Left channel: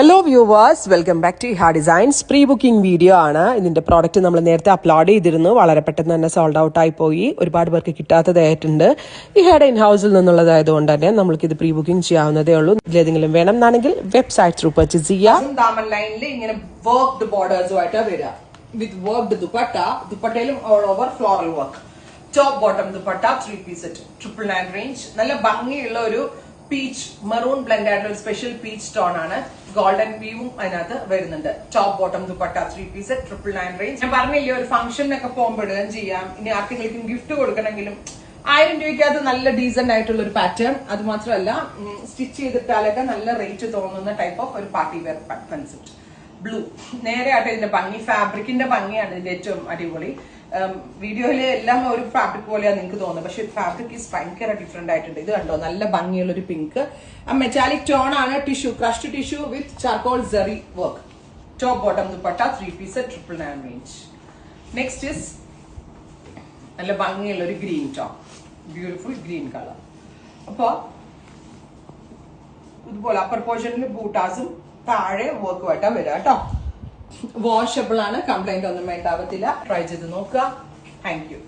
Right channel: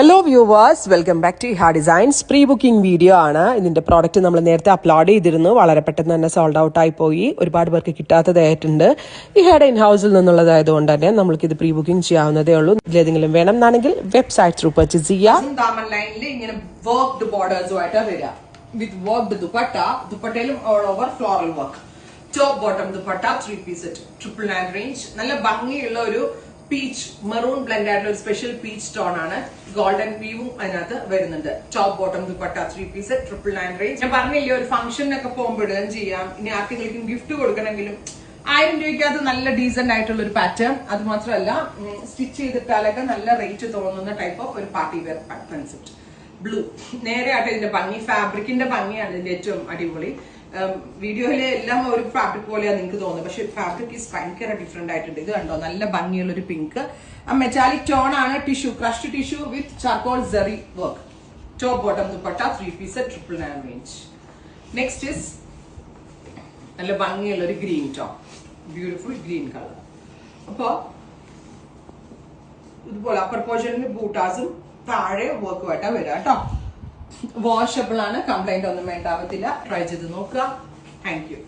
Hello viewers, welcome back to Iha designs. Pre booking video ആണ്. ഇതിന്റെ product നമ്മൾ നേരത്തെ അപ്ലോഡ് ചെയ്തിരുന്നു. വളരെ പെട്ടെന്ന് തന്നെ സോൾഡ് ഔട്ട് ആയി പോയി. ഒരുപാട് പേർക്ക് കിട്ടാത്തതായിട്ടുണ്ട്. ഇഹയുടെ ഇൻ ഹൗസിൽ നിന്നുള്ളതായതുകൊണ്ട് തന്നെ നമുക്ക് ഇത് പ്രീ ബുക്കിംഗ് ചെയ്യാവുന്നതേ ഉള്ളൂ. ഇതിലേതെങ്കിലും വേണം എന്നാണെങ്കിൽ വെബ്സൈറ്റ് ത്രൂ പർച്ചേസ് ചെയ്യാം. ദാമൻ ലൈനിൽ ഇങ്ങനെ വർക്ക്ഡ് ബോർഡേഴ്സുമായിട്ട് വരിക വിത്ത് വർക്ക്ഡ് ദുപ്പട്ട. ദുപ്പട്ടയിലും all over floral work. Top bottom dupatta 3 piece set 999 range. നല്ല ഭംഗിയുള്ള ഒരു പീച്ച് മെറൂൺ ബ്ലെൻഡ് ആയിട്ടുള്ള ഒരു സ്പെഷ്യൽ പീച്ച് ടോൺ ആണ്. ഗോൾഡൻ വീവും അതിനകത്ത് വരുന്നുണ്ട്. Top bottom dupatta 3 piece set 999 range. ഞാൻ പറഞ്ഞില്ലേ, ഒരു ഫംഗ്ഷനൊക്കെ പോകുമ്പോൾ ഇടാൻ ചെയ്യാം. ഇനി ആർക്കെങ്കിലും ഗിഫ്റ്റ് കൊടുക്കണമെങ്കിലും 1000 രൂപയ്ക്കകത്ത് നല്ല ഡീസന്റ് ആയിട്ടുള്ള ഒരു പാറ്റേൺ. അത് മാത്രമല്ല, സ്റ്റിച്ച് ചെയ്തിട്ടാലൊക്കെ നല്ല റേറ്റ് തോന്നുന്ന ടൈപ്പ് ഓഫ് ഒരു പാർട്ടി വെയർ കൺസെപ്റ്റ്. ബ്ലൂ നേരെ ആയിട്ട് ഇതിന്റെ ഭംഗി, ഫാബ്രിക്കിന്റെ ഭംഗിയാണ് ഇതിന്റെ ഏറ്റവും അടിപൊളി. വീഡിയോയില് എല്ലാം ഒരു ഫാബ്രിക് പോലെയാണ് നിങ്ങൾക്ക് തോന്നുന്നത്, പക്ഷെ ഫാബ്രിക് ഈസ് ഭയങ്കര ഡിഫറെന്റ് ആയിട്ടുണ്ട്. ഇത് കണ്ടോ, നല്ല ഭംഗിയുള്ള ഒരു പിങ്ക് മെറ്റാലിക് ടോൺ ആണ്. Tissue, crushed tissue with charcoal zari work. Top bottom dupatta 3 piece 999 range. Next is നല്ല ഭംഗിയുള്ള ഒരു green tone, beautiful green colour. അപ്പോ ഇതുപോലെ അപ്പർ പോർഷനിൽ ബൂട്ടാസും താഴെ വർക്കുമായിട്ടാ വരിക കേട്ടോ. വാഷബിൾ ആണ്, കംപ്ലൈന്റ് ഒന്നും വേണ്ടാവത്തില്ല. ട്രൈ ചെയ്ത് നോക്കുക. Thank you.